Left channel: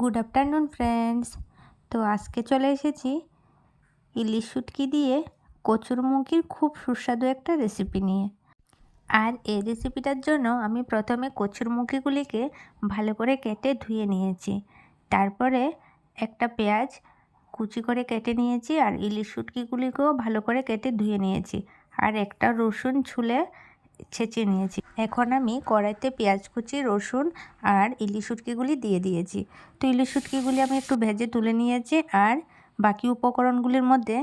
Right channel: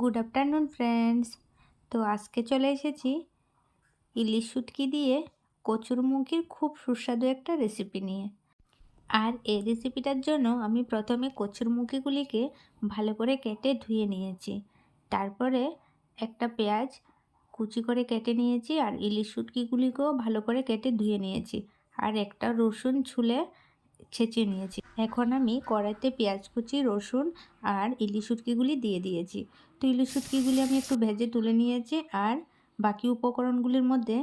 Good afternoon friends তো আজকে চলে এসেছি ইলিশ শুটকি দিয়ে কচুরমুখির খুব সুস্বাদু একটা রেসিপি নিয়ে। আর এই রেসিপিটার জন্য আমি প্রথমে কচুরমুখিগুলিকে ভালো করে কেটে ধুয়ে নিয়েছি। তারপরে একটা পেঁয়াজ কুচি করে কেটে নিয়েছি আর ইলিশ শুটকিগুলিকেও ভালো করে কেটে ধুয়ে নিয়েছি। আর একটা রসুন ছুলে ছেঁচে নিয়েছি। এখন আমি কড়াইতে পেঁয়াজ কুচি, রসুন আর ইলিশ শুটকিগুলি দিয়ে দিয়েছি। তো ইলিশ শুটকিগুলি আমি একটু ভেজে তুলে নিয়েছি আর বাকি উপকরণগুলির মধ্যে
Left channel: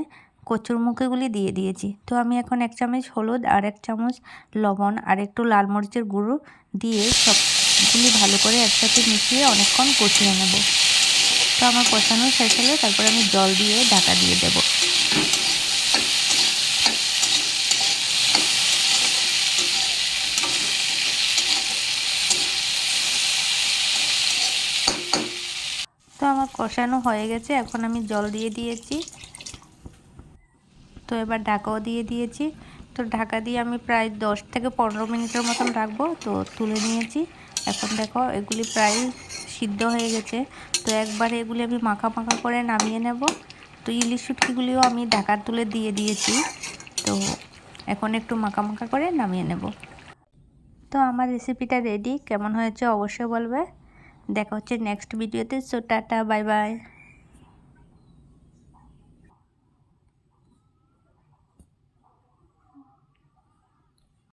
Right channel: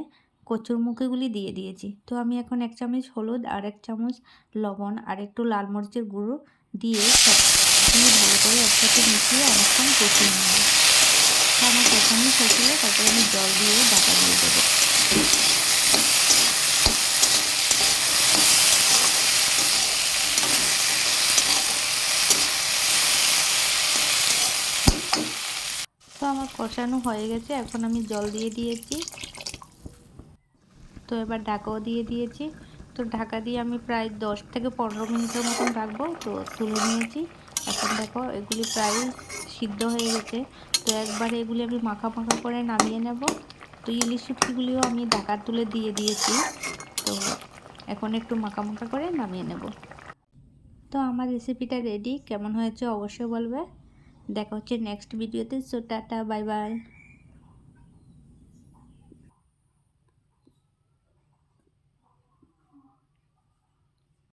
কচুরমুখিগুলি দিয়ে দিয়েছি। তো আমি এখন এক চামচ হলুদ আর এক চামচ লবণ আর একটু লাল মরিচের গুঁড়ো দিয়ে সব দিয়ে ভালো করে একসাথে মিশিয়ে অনেকক্ষণ কষিয়ে নেব। তো আমার কষানো শেষ হলে তারপরে আমি জল দিয়ে ঢাকা দিয়ে দেবো তো আমার কষানো হয়ে গেছে, এখন আমি জল দিয়ে দিয়েছি। তো এবার ঢাকাও দিয়ে দিয়েছি। তো ঢাকা দিয়ে আমি প্রায় দশ থেকে পনেরো মিনিটের মতন রাখব। তো তুলে নিয়েছি। এখন দেখো, এগুলি প্রায় সিদ্ধ হয়ে গেছে। তো একবার এগুলি আমি মাখা মাখা করে নামিয়ে নেব। তো ইলিশ শুটকিগুলিও আমি ঢাকা তুলে দিয়ে দিয়েছি। তো এখন একটু মাখা মাখা করে নামিয়ে নেব। তো আমার রেসিপিটা রেডি কেমন হয়েছে অবশ্যই বলবে। দেখা হচ্ছে নেক্সট ভিডিওতে সো টাটা বাই বাই